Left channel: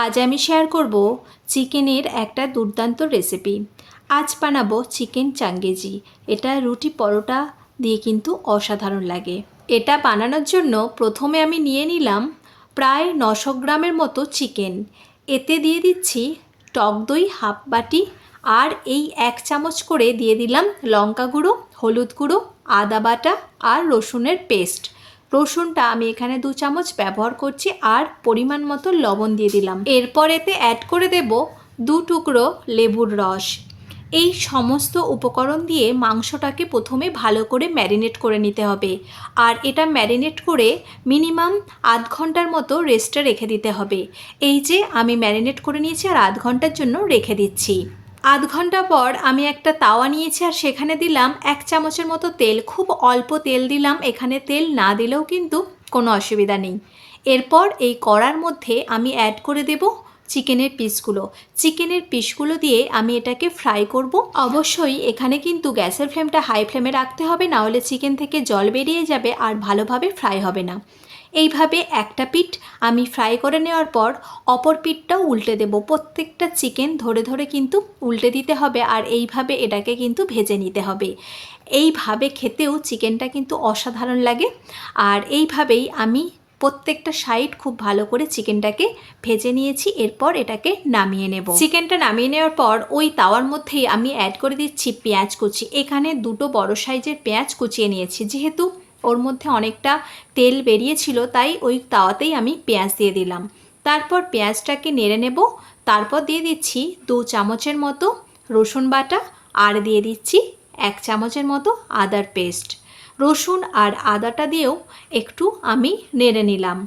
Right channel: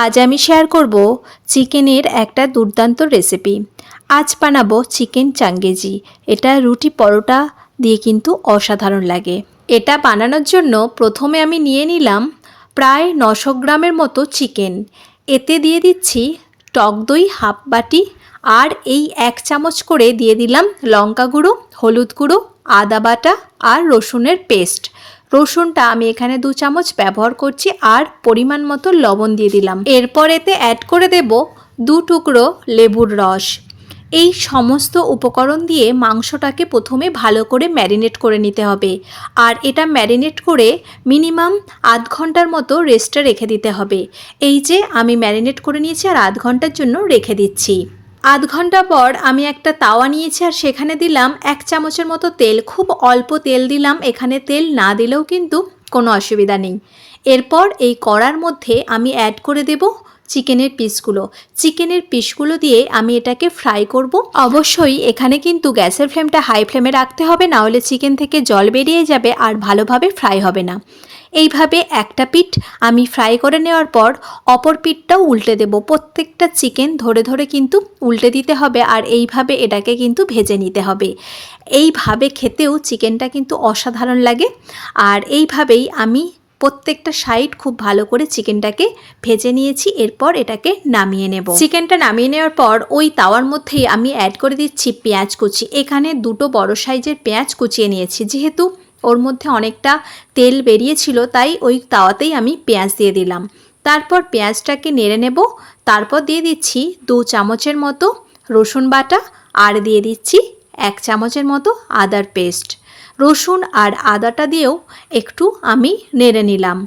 আজ আমি শেয়ার করব চিকেনের একটা দুর্দান্ত রেসিপি আজ বানাবো চিকেন চাঙ্গেজি। এটা রুটি পরোটা দিয়ে কিন্তু অসাধারণ লাগে। এটা বানানোর জন্য প্রথমে আমি নিয়ে নিলাম প্রায় নশো গ্রামের মতো চিকেন। এতে দিয়ে দিচ্ছি টক দই হাফ বাটি আর এই এক চামচ করে দিয়ে দিলাম লঙ্কা গুঁড়ো, হলুদ গুঁড়ো, আদা বাটা আর রসুনের পেস্ট রসুনটা আমি এখানে দু চামচ ব্যবহার করছি আর পরিমাণ মতো লবণ দিয়ে দিলাম। এরপর এতে অ্যাড করে দেব দু টুকরো লেবুর রস। এই সমস্ত উপকরণ দিয়ে মাংসটাকে প্রথমে ভালো করে ম্যারিনেট করে নিতে হবে। আর এটা ম্যারিনেট করে মিনিমাম আধ ঘণ্টার মতো রেস্টে রেখে দিতে হবে। এই যে আমি ম্যারিনেট করে নিয়েছি আর আধ ঘণ্টার জন্য রেখে দিচ্ছি। আধ ঘণ্টা পর আমি একটা তাওয়া নিয়েছি আর সেখানে দিলাম এক চামচের মতো তেল, খুব অল্প তেল দিলাম। এখানে তেল না দিলেও কিন্তু কোনো অসুবিধা নেই। এরপর এই কড়ার মধ্যে আমি অ্যাড করে দেব চিকেনের পিসগুলো। চিকেনের পিসগুলো দিয়ে আমি এটাকে ফ্রাই করব। অবশ্যই এখানে কিন্তু গ্যাসের ফ্লেমটা হাই ফ্লেমে রাখতে হবে, না হলে চিকেন থেকে জল বেরিয়ে যাবে আর ভালোভাবে ফ্রাই হবে না। এইভাবে একটা পিঠ আমি ফ্রাই করে নেওয়ার পর অপর পিঠটাও উল্টে দেব। প্রত্যেকটা চিকেন ধরে ধরে কিন্তু উল্টে দিতে হবে আর এইভাবে এটাকে কিন্তু ভেজে নিতে হবে। এইভাবে খেতেও চিকেনটা কিন্তু অসাধারণ লাগে। আর এইভাবেই আমি প্রত্যেকটা সাইড খুব ভালো করে চিকেনটাকে ভেজে নিয়েছি, এরপর এটাকে নামিয়ে নেব। চিকেনটা নামিয়ে নেওয়ার পর ওই তাওয়ার মধ্যেই আমি অ্যাড করে দিচ্ছি পেঁয়াজ কুচি। এখানে দুটো বড় সাইজের পেঁয়াজ কুচিয়ে নিয়েছি, যেহেতু ওর মধ্যে অনেকটা তেল বেরিয়েছিল, তাই ওই তাওয়াতেই আমি পেঁয়াজ দিয়ে দিলাম। তারপর পেঁয়াজটাকে নেড়ে নেব, তারপর দিয়ে দিচ্ছি দু চামচের মতো রসুন বাটা, আর দিয়ে দিচ্ছি এক চামচের মতো আদার পেস্ট রসুন আর আদাটা দিয়েও একটু আমি নেড়ে নিলাম।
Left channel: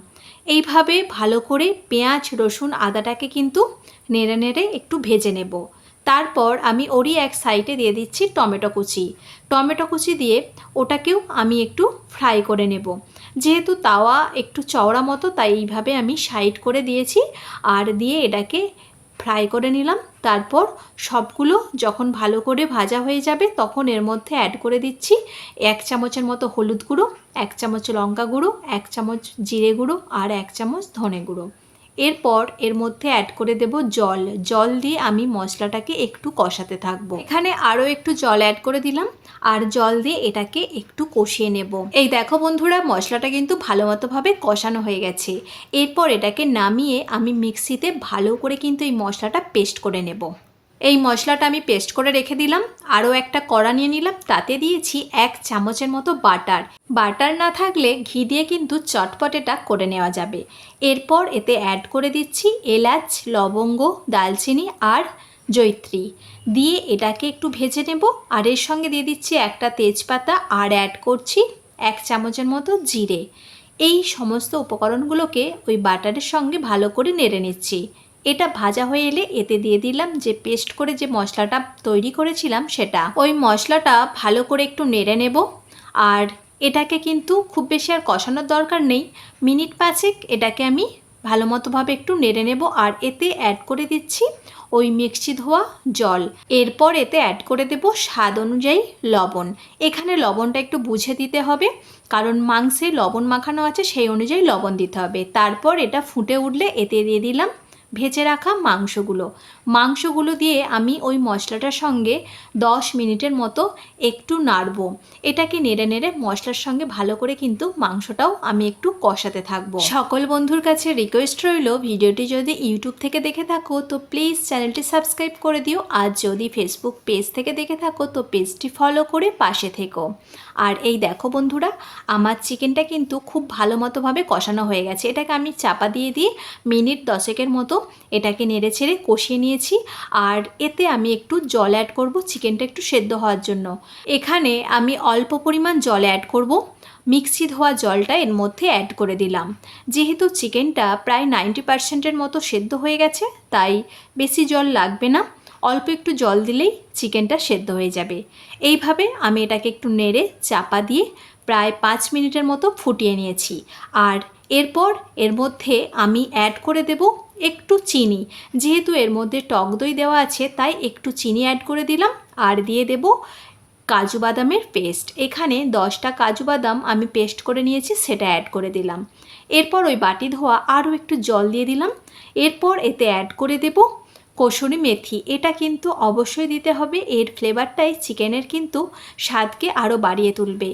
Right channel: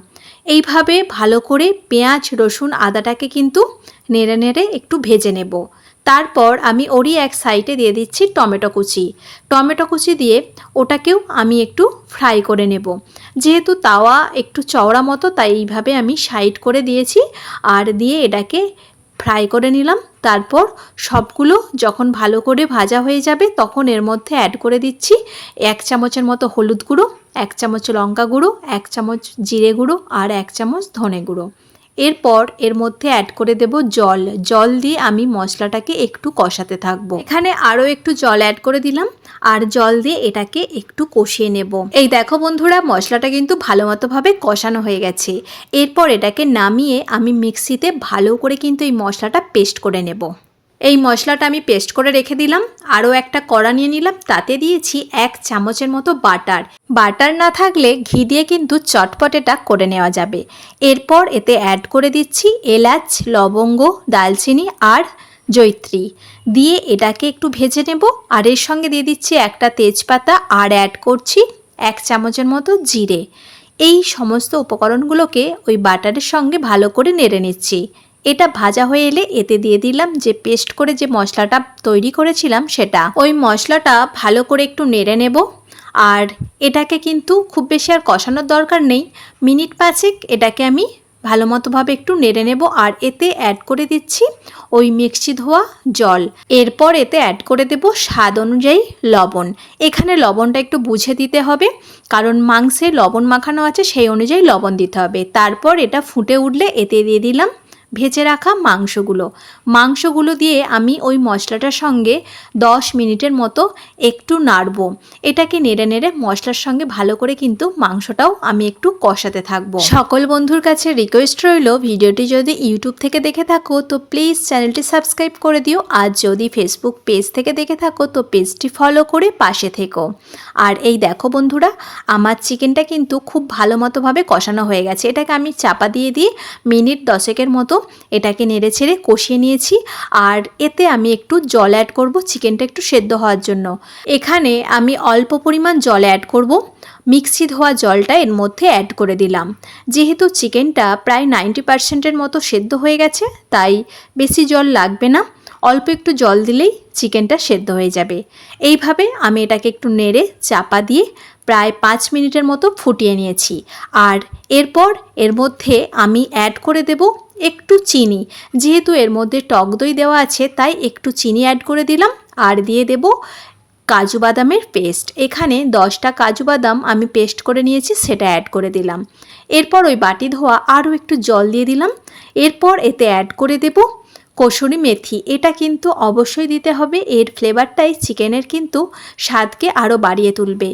এইভাবে ভালো করে পেঁয়াজ, রসুন, আদাটাকে কিন্তু নেড়ে নেড়ে একটু ভেজে নেব। তারপর আমি ওরই এক সাইডে দিয়ে দিচ্ছি টমেটো কুচি। টমেটো কুচি দিয়ে ওটাকেও আমি একটু ফ্রাই করে নেব। যেহেতু তাওয়া একটু চওড়া মতো, তাই এইভাবে আমি সাইড করে দিয়েছি। আর দিয়ে এটাকে ফ্রাই করে নিলাম। তারপর সবগুলো যখন ভালো করে ভাজা হয়ে যাবে, তখন এর মধ্যে অ্যাড করে দিচ্ছি এক চামচের মতো হলুদ গুঁড়ো, এক চামচ লঙ্কা গুঁড়ো, এক চামচ জিরে গুঁড়ো আর এক চামচ ধনে গুঁড়ো। এরপর এর মধ্যে অ্যাড করে দেব জল। জল দিয়ে আমি মশলাটাকে একটু কষাতে থাকব। এখানে আরও একটু জল অ্যাড করে দিলাম, আর জল দিয়ে এটাকে একটু কষিয়ে নেব। এই দেখো বন্ধুরা, মশলাটা কিন্তু ভালো মতোভাবে কষানো হয়ে গেছে। এরপর এটাকে নামিয়ে আমি মিক্সিতে ভালো করে কিন্তু এই মশলাটা পেস্ট করে নেব। এই মশলাটা আমি পেস্ট করে রেখে দিলাম। আরও একটা কড়া নিয়ে নিলাম। তাতে দিয়েছি এক চামচের মতো বাটার। বাটার না থাকলে ঘি দিয়ে কিন্তু চটপটেটা করে নেওয়া যাবে। এরপর এতে অ্যাড করে দিচ্ছি এলাচ, লবঙ্গ, দালচিনি আর জৈত্রী দিয়ে এটাকে একটু ভেজে নেব। আর এর সঙ্গে দিয়ে দিচ্ছি একটা তেজপাতা আর অ্যাড করছি এক চামচের মতো জিরে। এই সমস্ত উপকরণগুলোকে ওই বাটারের সঙ্গে ভালো করে নেড়ে নিচ্ছি। এটা ভাজা হয়ে এলে এতে দিয়ে দিলাম যে পেস্ট করে যে মশলাটা তৈরি করেছিলাম সেটা। ওই মশলাটা ভালো করে একটু নেড়ে নেব। আর এটাকে কিন্তু খুব বেশি আর কষানোর দরকার নেই। মিনিট পাঁচেক এটাকে আমি ভালো মতোভাবে একটু নেড়ে নেব। আর এতে অ্যাড করে দিচ্ছি ওই মিক্সি ধোয়া জল। এরপর এতে অ্যাড করে দেব স্বাদ অনুযায়ী লবণ। এখানে লবণটা একটু বুঝে দিতে হবে। কারণ মাংসে লবণ মাখানো আছে, সেই অনুযায়ী লবণ দিতে হবে। তারপর এটা ফুটে উঠলে এতে দিয়ে দিলাম ভেজে রাখা মাংসগুলো। মাংসগুলো দিয়ে আমি ওই মশলাটার সঙ্গে দশ মিনিটের মতো একটু নাড়বো। এটাকে নেড়ে নেড়ে মশলার সঙ্গে ভালো করে কিন্তু মাংসটাও আমি একটু কষাতে থাকব। সকল বন্ধুর কাছে রিকোয়েস্ট রইল, ভিডিওটি যদি ইউটিউব থেকে দেখে থাকো, তো প্লিজ চ্যানেলটি সাবস্ক্রাইব করে দিও। আর যদি ফেসবুক পেজ থেকে দেখে থাকো, তো পেজটি ফলো করে পাশে থেকো। আর এই দেখো বন্ধুরা, আমার চিকেনটা কিন্তু খুব ভালো মতোভাবে কষানো হয়ে গেছে। এটাকে আমি চাপা দিয়ে দিয়ে মিনিট দশেকের মতো এটাকে নেড়ে ছেড়ে কষিয়ে নিয়েছি আর এতে আমি একটু জল অ্যাড করব চিকেনটা একটু সেদ্ধ হওয়ার জন্য। এখানে আমি অল্প পরিমাণ জল অ্যাড করব, মিক্সি ধোয়া জলটা এর মধ্যে অ্যাড করে দিলাম। যেহেতু চিকেনটা প্রায় নাইনটি পার্সেন্টের মতো সেদ্ধ হয়ে গেছে, তাই বেশি জল লাগবে না। অল্প একটু জল দিলেই চিকেনটা সেদ্ধ হয়ে যাবে। এইভাবে আমি এটাকে একটু নেড়ে চাপা দিয়ে প্রায় পাঁচ মিনিটের মতো ফুটিয়ে নিয়েছি। আর এরপর এর মধ্যে আমি অ্যাড করে দেব একটু চিনি। যেহেতু এর মধ্যে টক দই দেওয়া আছে, তাই একটু চিনি অ্যাড করে দিলাম। আর দিয়ে দেব কাজু বাদামের পেস্ট এখানে দশটা কাজু বাদাম আমি পেস্ট করে নিয়েছি, সেটা অ্যাড করে দিলাম। এরপর ওই বাটি ধোয়া আরও একটু জল দিয়ে দিলাম। এরপর এতে অ্যাড করে দেব কসুরি মেথি, এটা কিন্তু অবশ্যই দিতে হবে। এর ফ্লেভারটাই চিকেনের কিন্তু স্বাদকে আরও বাড়িয়ে তুলবে।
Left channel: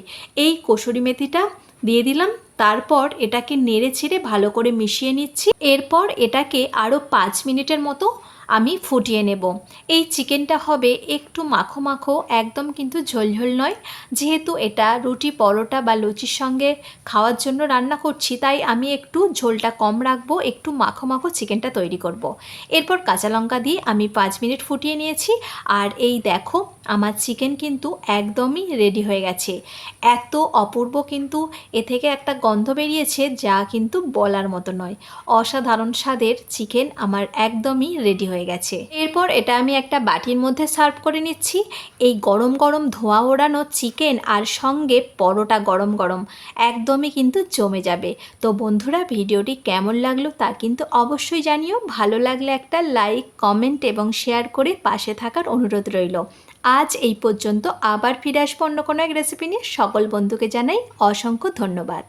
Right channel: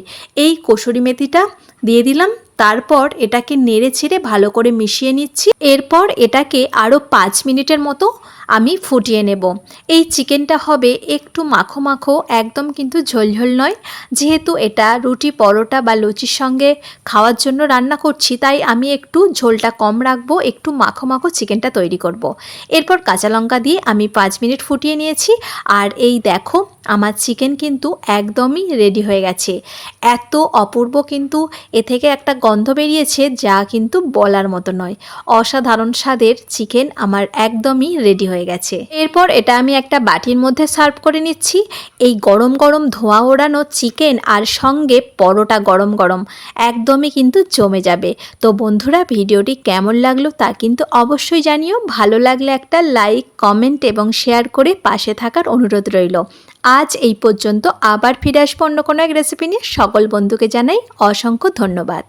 এই কসুরি মেথিটা দিয়ে দিলাম, তারপর এটাকে নেড়ে ছেড়ে ভালো করে মিশিয়ে নিচ্ছি। এরপর এটাকে আরও পাঁচ মিনিটের মতো আমি ফুটিয়ে নেব। এই চিকেনটা হবে একটু মাখো মাখো, একদম কিন্তু ঝোলঝোল নয়। যেহেতু এটা রুটি, পরোটা বা লুচির সঙ্গে খাওয়ার জন্য রান্না করছি, তাই আমি একটু ঝোলটা কম রাখব, একটু মাখো মাখো চিকেনটা তৈরি করব। এরপর কাঁচা লঙ্কা দিয়ে আমি পাঁচ মিনিট ফুটিয়ে নিয়েছি। আর এই দেখো আমার চিকেন কিন্তু একদমই রেডি হয়ে গেছে। এত অপূর্ব কিন্তু এ থেকে একটা গন্ধ বেরিয়েছে যা কিন্তু বলার মতো নয়। অসাধারণ স্বাদের চিকেন আমার একদমই রেডি হয়ে গেছে। এরপর এটা আমি একটা বাটির মধ্যে সার্ভ করে নিচ্ছি। এই গরম গরম ধোঁয়া ওড়ানো চিকেন আর সঙ্গে পরোটা গরম গরম একদমই কিন্তু জমে যাবে। তো বন্ধুরা, ভিডিওটি কেমন লাগল তা কিন্তু অবশ্যই জানিও। ভালো লাগলে একটা লাইক কমেন্ট এবং শেয়ার করে পাশে থাকার অনুরোধ রইল। আজ এই পর্যন্ত আবার ফিরে আসব অন্য কোনো এক রেসিপি নিয়ে। সকল বন্ধুকে জানাই অসংখ্য ধন্যবাদ।